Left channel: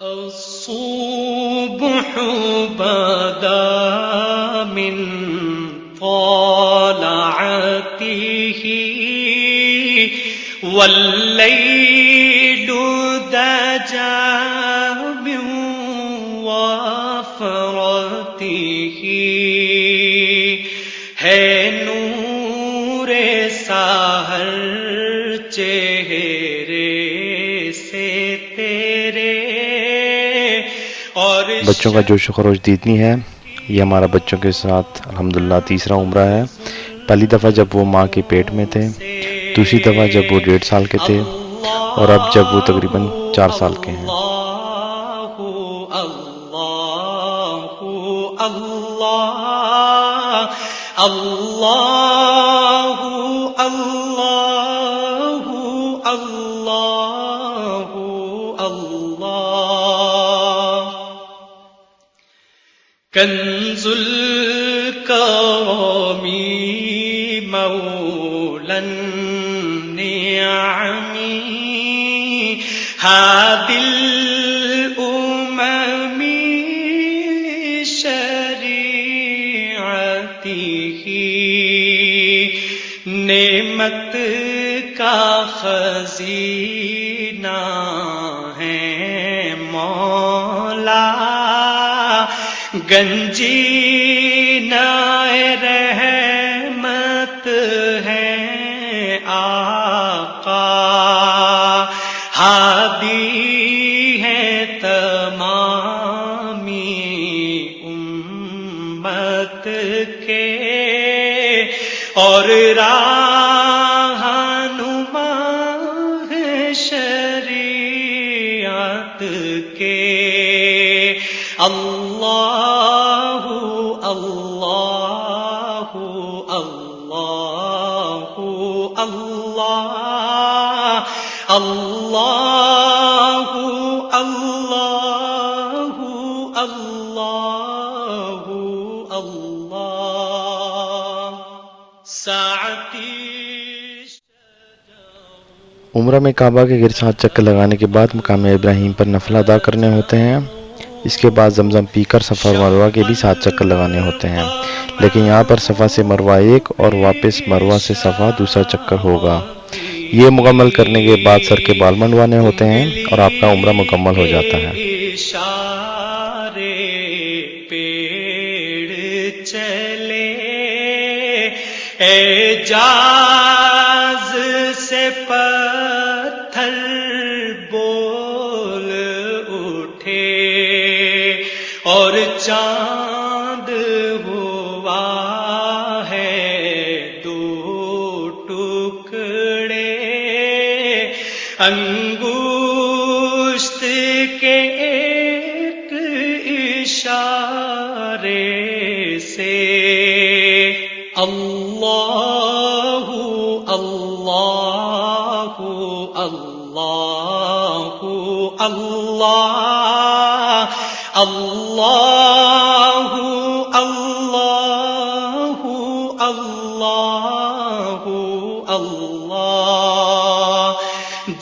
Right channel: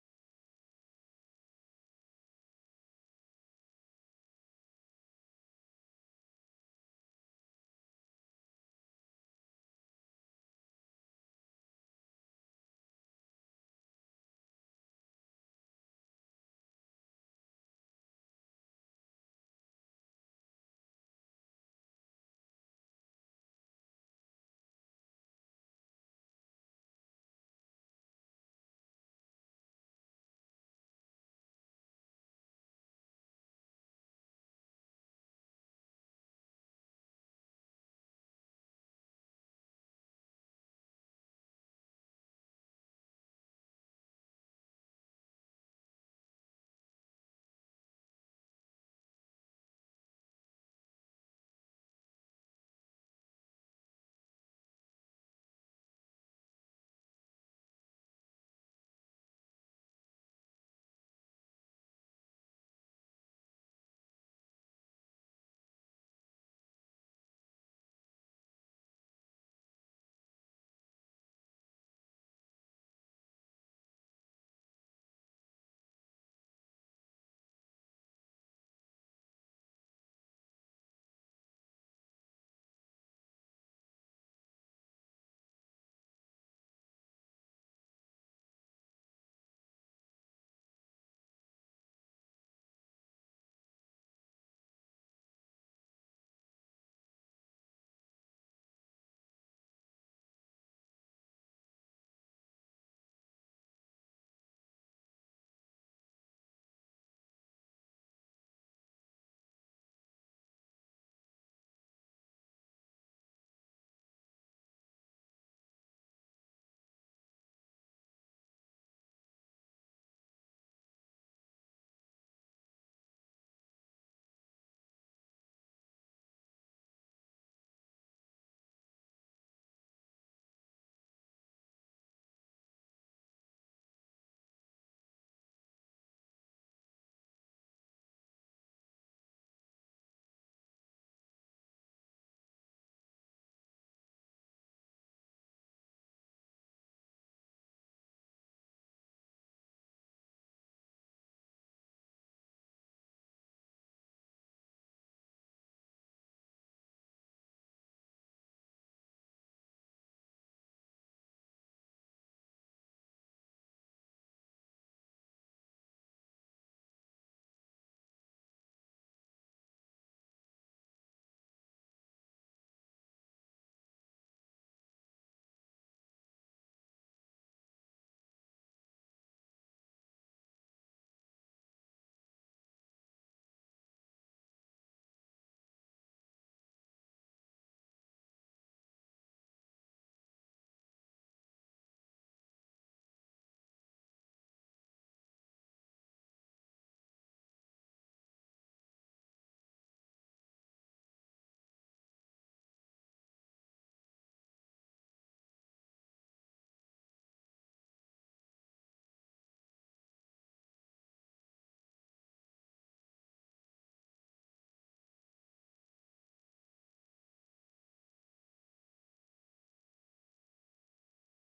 الصبح بدا من طلعته والليل دجى تیرے اور بچوں کا جوش و خروش دیدنی ہے. یہ ہمارا بچوں کے ساتھ الحمدللہ تیسرا عمرہ ہے. پہلی دفعہ جب وہ ماں کے پیٹ میں تھے، دوسری دفعہ جب وہ 1.5 سال کے تھے، اور اب جب وہ تقریباً 4 سال کے ہیں. کنز الکرم مولا النعم هادي الأمم شریعته نعمت کا خزینہ ہے مولا، گنجینہ رحمت ہے آقا، ہادی ہے تمامی امت کے اور رہنما ہے شریعت کے. اللہ اللہ اللہ اللہ اللہ اللہ اللہ اللہ ساعتی. عمرہ میں کعبہ کے گرد 7 چکر لگانے کے بعد مقام ابراہیم پر نفل ادا کرنے ہوتے ہیں. اس کے بعد زمزم پی کر صفا اور مروہ کے بھی 7 چکر لگانے ہوتے ہیں، لیکن یہاں پر صفا سے مروہ 1 اور واپس مروہ سے صفا دوسرا چکر ہوگا. یہ مکمل کرنے کے بعد سر کے بال منڈوانے ہوتے ہیں اور آپ کا عمرہ مکمل ہو جاتا ہے. اشارے پیڑ چلے اعجاز سے پتھر بول اٹھے اور چاند ہوا ہے 2 ٹکڑے، انگشت کے ایک اشارے سے. اللہ اللہ اللہ اللہ اللہ اللہ اللہ اللہ.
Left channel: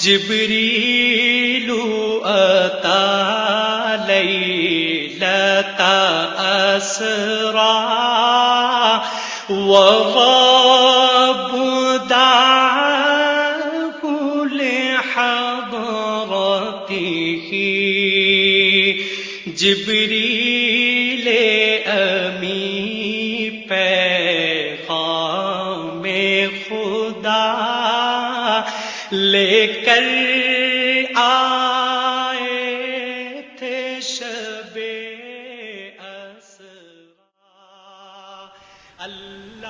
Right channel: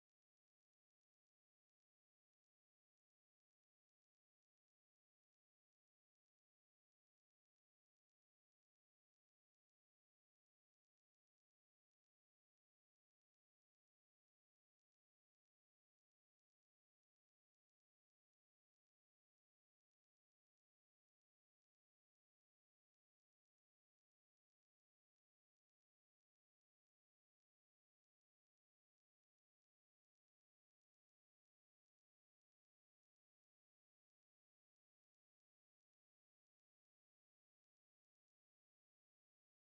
جبریل اتا لیلۃ اسرا وغاب دعاه لحضرته. جبریل امی پیغام خدا لے کر آئے تھے شب اسرا.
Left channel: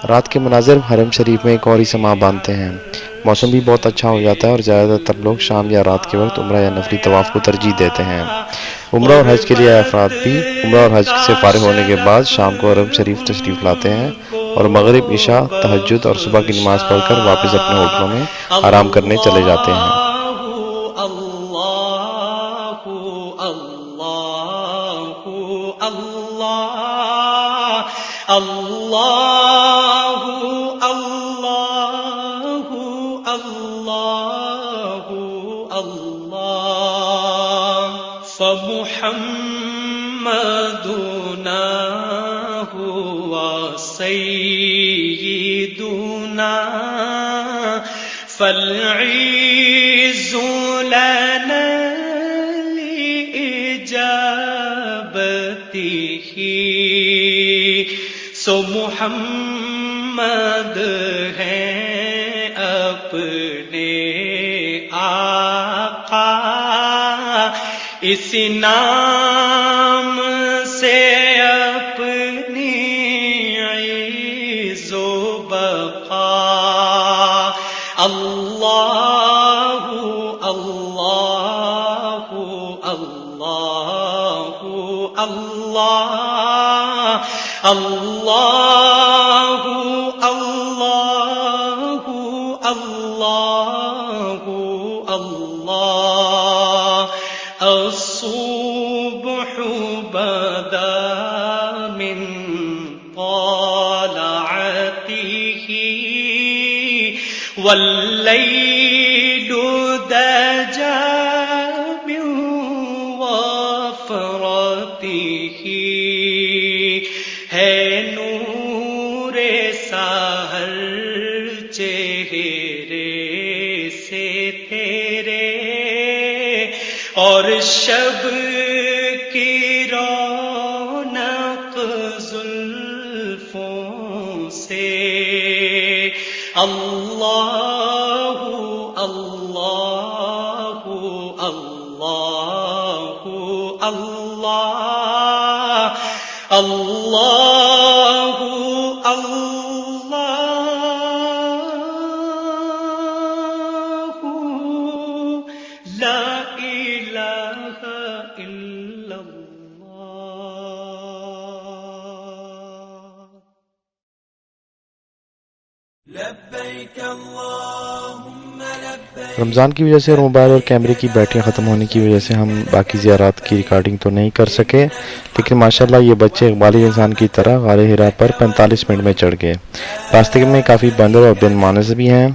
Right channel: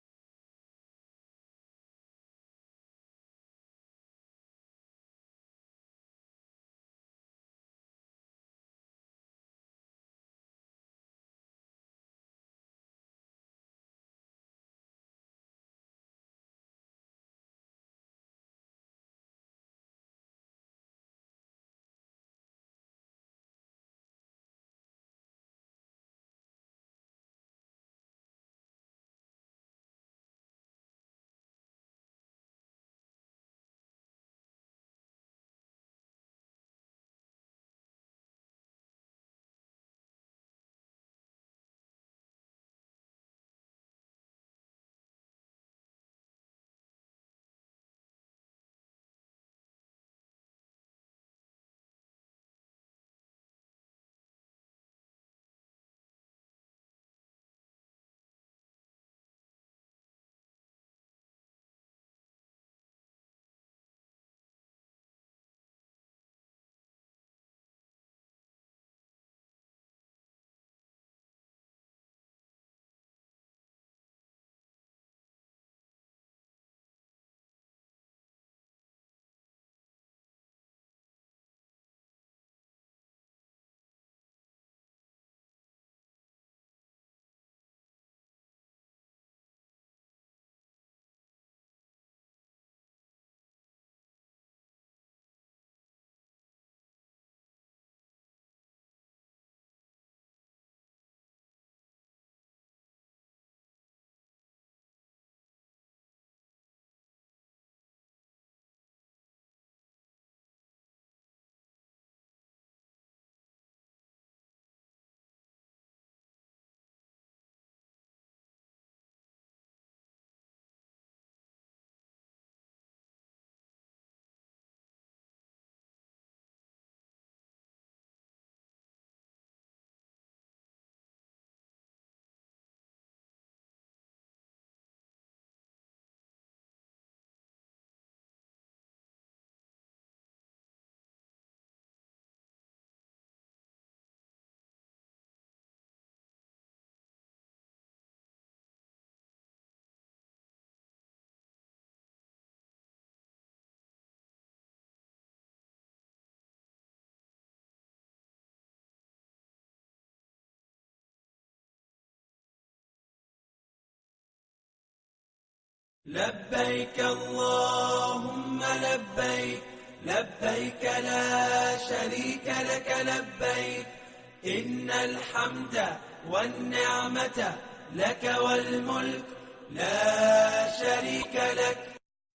رات کے مناظر حرم شریف میں ایک اور ہی سما باندھتے ہیں. موسم بھی بہت اچھا ہو جاتا ہے اور زیادہ تر لوگ شام یا رات کے وقت عمرہ یا نفلی طواف کو ترجیح دیتے ہیں. عمرہ اور حج کے لیے افراد بھی عمرہ اور حج سے فارغ ہونے کے بعد شام کو حرم شریف تشریف لاتے ہیں اور مغرب، عشاء، تہجد اور صبح کی نماز پڑھ کر واپس اپنے ہوٹلوں میں آرام کرنے چلے جاتے ہیں. اللہ اللہ اللہ اللہ. فمحمدنا هو سیدنا فالعز لنا لإجابته. سو محمد ہیں اپنے آقا اس نام سے اپنی عز و بقا اللہ اللہ اللہ اللہ اللہ اللہ اللہ اللہ الصبح بدا من طلعته والليل دجى من وفرته ہے نور سحر چہرے سے تیرے اور شب کی رونق زلفوں سے اللہ اللہ اللہ اللہ اللہ اللہ لا الہ الا اللہ لبیک اللہم لبیک رمضان کی وجہ سے اور موبائل اور کیمرے کی بیٹریاں ختم ہونے کی وجہ سے ہم باقی زیارات کی ریکارڈنگ تو نہیں کر سکے، لیکن ماشاءاللہ یہ بچے اقبالی انسان کی طرح غار حرا پر 45 منٹ میں چڑھ گئے۔ راستے میں کافی بندر اور بن مانس بھی ہیں۔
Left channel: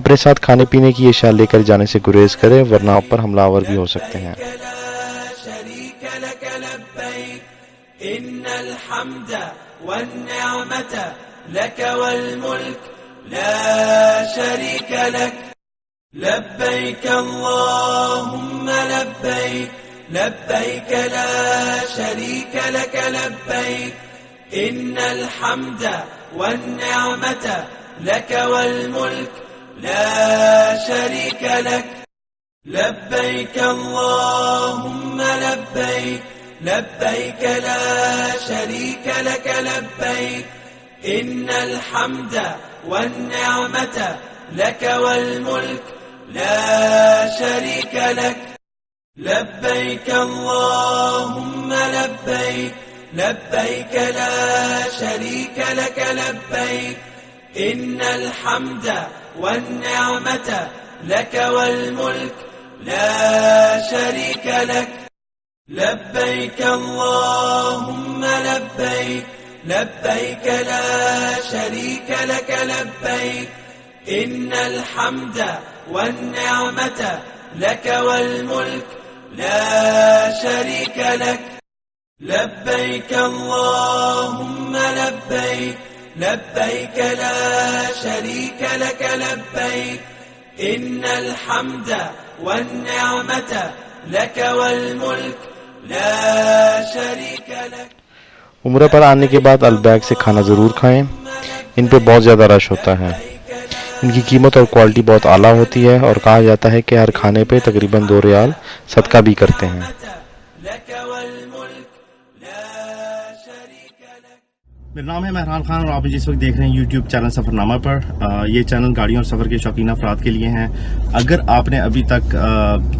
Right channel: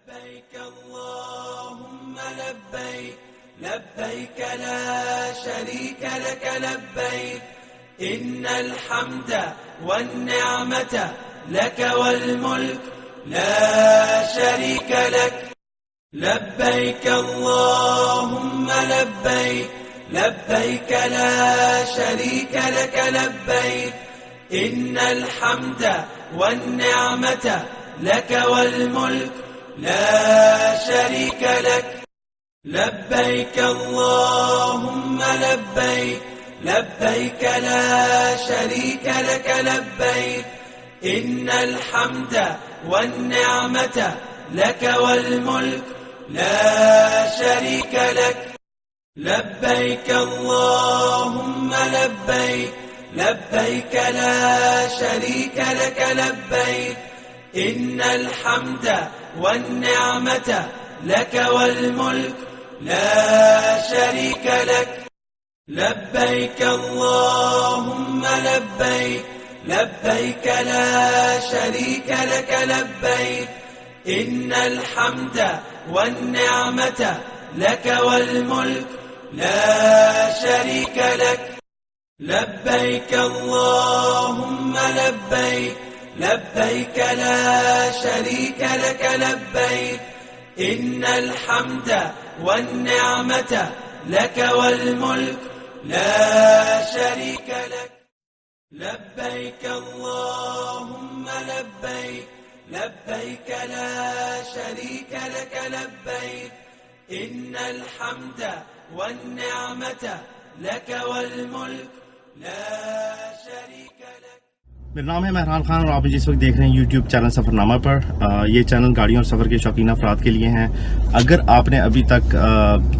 اپنے ساتھ کھانے پینے کی اشیاء لے کر جانے سے گریز کریں ورنہ آپ پر حملہ آور بھی ہو سکتے ہیں۔ لا شریک لک لبیک ان الحمد والنعمت لک والملک لا شریک لک لبیک اللہم لبیک لبیک لا شریک لک لبیک ان الحمد والنعمت لک والملک لا شریک لک لبیک اللہم لبیک لبیک لا شریک لک لبیک ان الحمد والنعمت لک والملک لا شریک لک لبیک اللہم لبیک لبیک لا شریک لک لبیک ان الحمد والنعمت لک والملک لا شریک لک لبیک اللہم لبیک لبیک لا شریک لک لبیک ان الحمد والنعمت لک والملک لا شریک لک لبیک اللہم لبیک لبیک لا شریک لک لبیک ان الحمد والنعمت لک والملک لا شریک لک۔ عمرہ پر آنے کے بعد البیگ سے کھانا ضرور کھائیں، ان پہ بہت زیادہ رش ہوتا ہے۔ ان کی قیمت اور کوالٹی بہت اعلیٰ ہوتی ہے اور کہا جاتا ہے کہ ہر کھانے پہ تقریباً 2 ریال صدقہ بھی کرتے ہیں۔ میرا نام ہے مہران خان اور آپ جس وقت دیکھ رہے ہیں یوٹیوب چینل سفر نامہ پر۔ یہ چینل گاڑیوں اور سفر کے شوقین افراد کے لیے ہیں۔ اگر آپ نے ابھی تک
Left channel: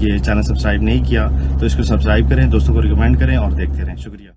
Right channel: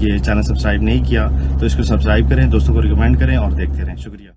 یہ چینل سبسکرائب نہیں کیا تو اس کو سبسکرائب کریں، دوستوں کو ریکمینڈ کریں اور دیکھتے رہیں۔ شکریہ۔